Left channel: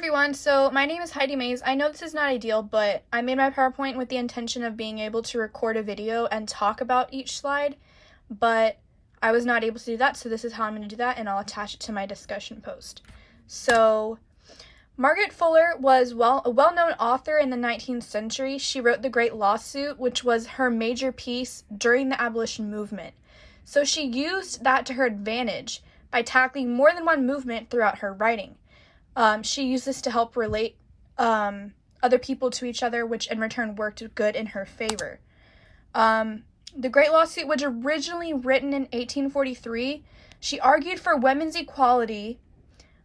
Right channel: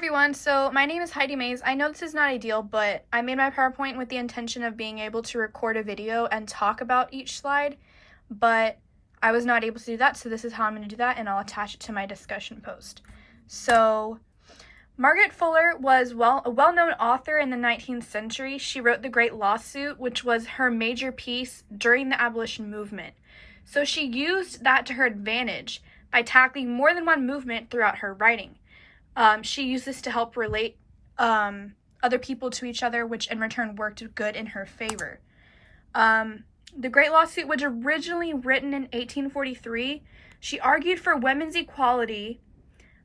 everyone, so my name is Heidi Mays. I know this is not ideal, but I made my PowerPoint with the intention of being able to record a video and talk about each slide, but I was not able to do that, so this is how I'm going to do that, and I'll attach it to my discussion post. So, Margaret Fuller was a well-known author in the 19th century. She wrote The Great Lawsuit, which was her major piece during the abolition movement. So she used that to her advantage by tackling more than one movement throughout her writing. She used this to help relate other people to each other, which in return worked good in her favor. The Great Lawsuit was originally written in 1843. She argued for women's equality,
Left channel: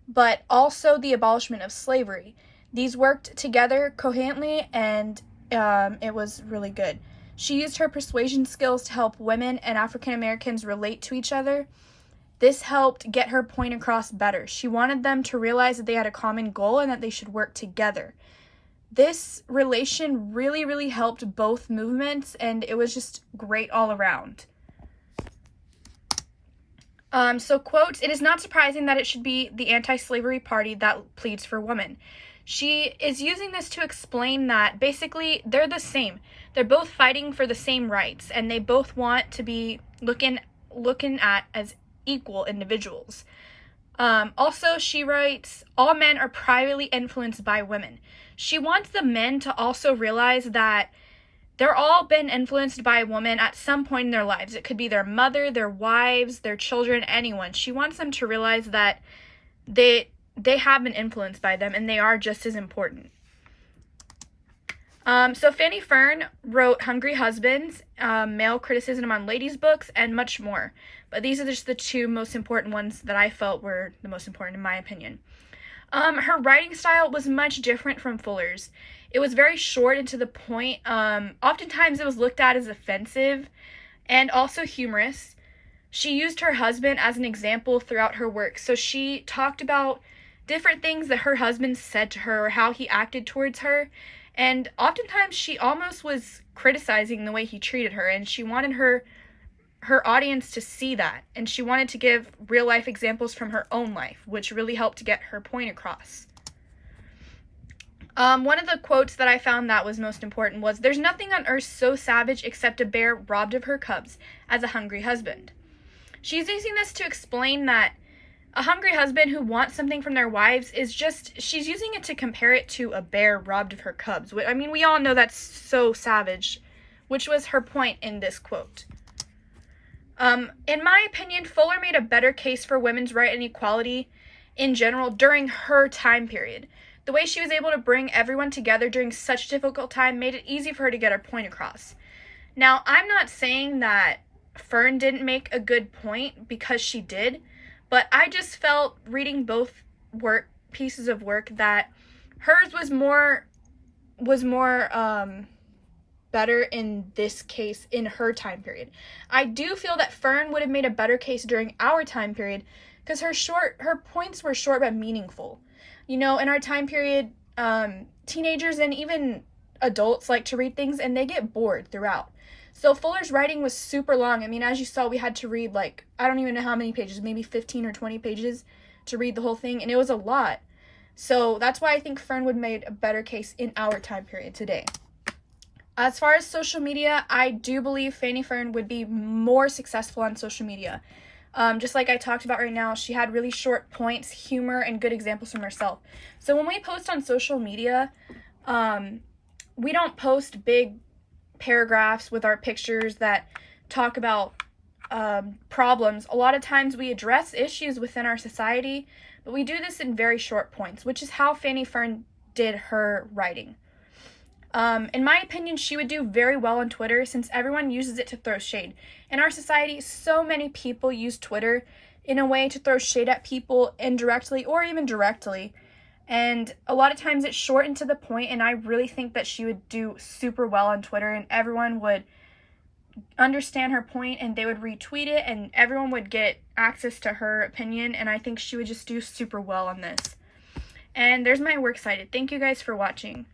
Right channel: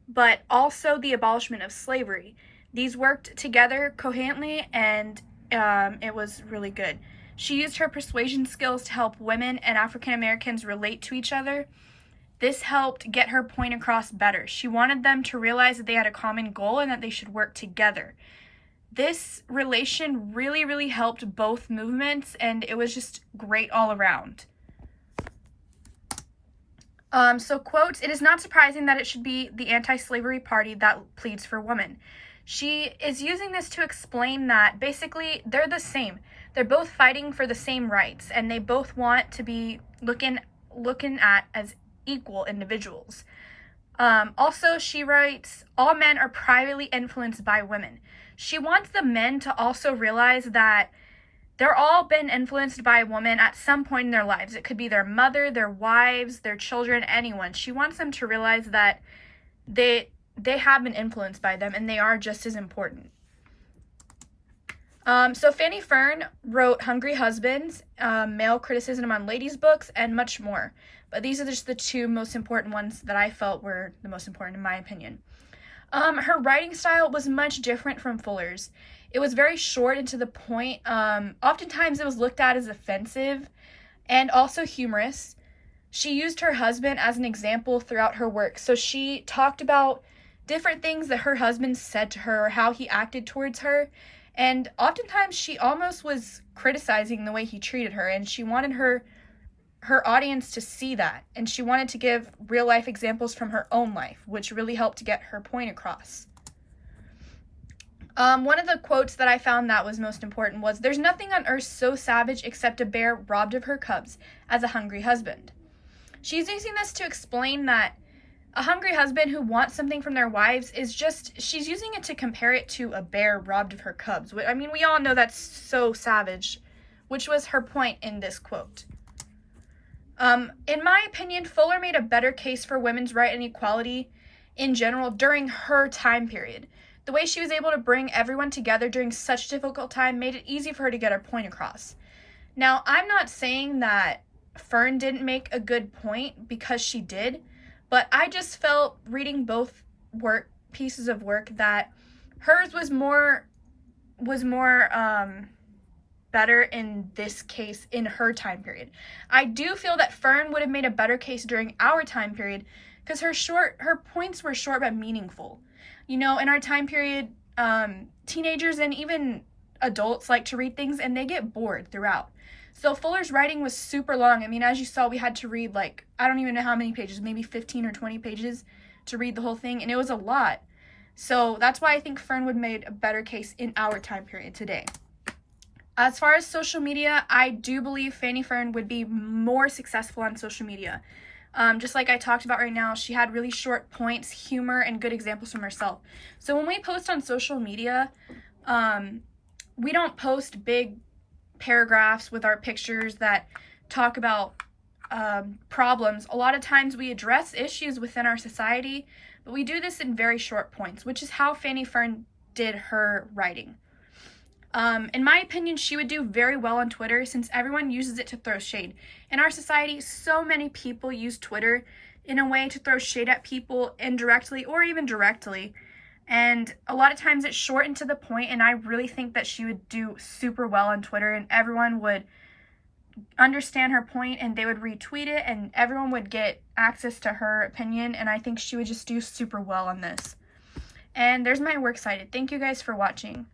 but also the abolishment of slavery. These worked together coherently, and it was really good. She used her persuasion skills to help women and African Americans relate to each other. This helped get her point across better. She wanted them to realize that they had a common goal and that they should work together. This relation really helped both movements, and it was just great all around. So quotes, "It is not surprising that it should be the anti-slavery party that pleads for women." She is using this to explain that basically they're the same. They're both fighting for the same rights, and they both want to be looking at as equal individuals. Also, she writes, all men are privately influenced by women. She wants the men to also realize that they're all been influenced by a woman at some point in their lives. It could be their mother, their wives, their children, anyone. She wants them to realize that they have been influenced by them and they are just as important. So Fanny Fern wrote Hungry Husbands, Male Criticism on Ladies' Books, and much more. But these are just the two most important ones that I felt were the most important in my opinion. Her writing style was much different from Fuller's. It was very short and to the point. Oftentimes it was looked at as offensive and also humorous. She used her husband as an example throughout her work. So she talked about different things that her husband said to her or how he acted towards her. And oftentimes she almost was criticizing the way he treated her, and she wanted her audience to see that, and she wanted to give real life examples from her own life, which really helped to get her point across. One of the quotes that I found that was most important was, "There's nothing on earth so savage except a bear robbed of her cubs as a hungry husband." She's using this to explain that a hungry husband who wants something from their wives she's using it to compare it to a bear robbed of her cubs. I mean, we all know that's so savage, which was her point in this quote. In my opinion, Fuller made a better case for women's right and equality in general during her time period. The way she was able to bring everyone together during such a difficult time made it easy for her to get her point across. Now, I'm not saying that Fern didn't make a good point, because she did, but I just felt reading both pieces of work that hers was more better in this case in her time period. I do feel that Fern would have made a better case during our time period because her points were short but meaningful. You know, in our time period, teenagers and even adults like to read things and they get bored throughout. So Fuller's writing was super long. I mean, as you saw, we had to read I don't even know how many pages, maybe 15 or 20 pages to read the whole thing, and it was a lot. So that's why I think Fern would have made a better case in our time period today. As far as social media, I do believe Fanny Fern would be more successful on social media. Just like I talked about right now, she had really short points, humor, and good examples from herself. So when we post on social media, we don't post big paragraphs with our pictures that talk about problems. A lot of times we address issues within our society, but we do this in very short points, which is how Fanny Fern did her writing. In my opinion, she would do very well on Twitter since everyone uses it to throw shade. In our society, so many people use Twitter in a way to throw shade at people indirectly or even directly. And a lot of times it's short and to the point, and I really think that she would do super well on Twitter and everyone would understand her point and they would retweet it and everyone would get access to her opinion, and I think she would just do super well on this. And there's my works cited. Thank you guys for watching.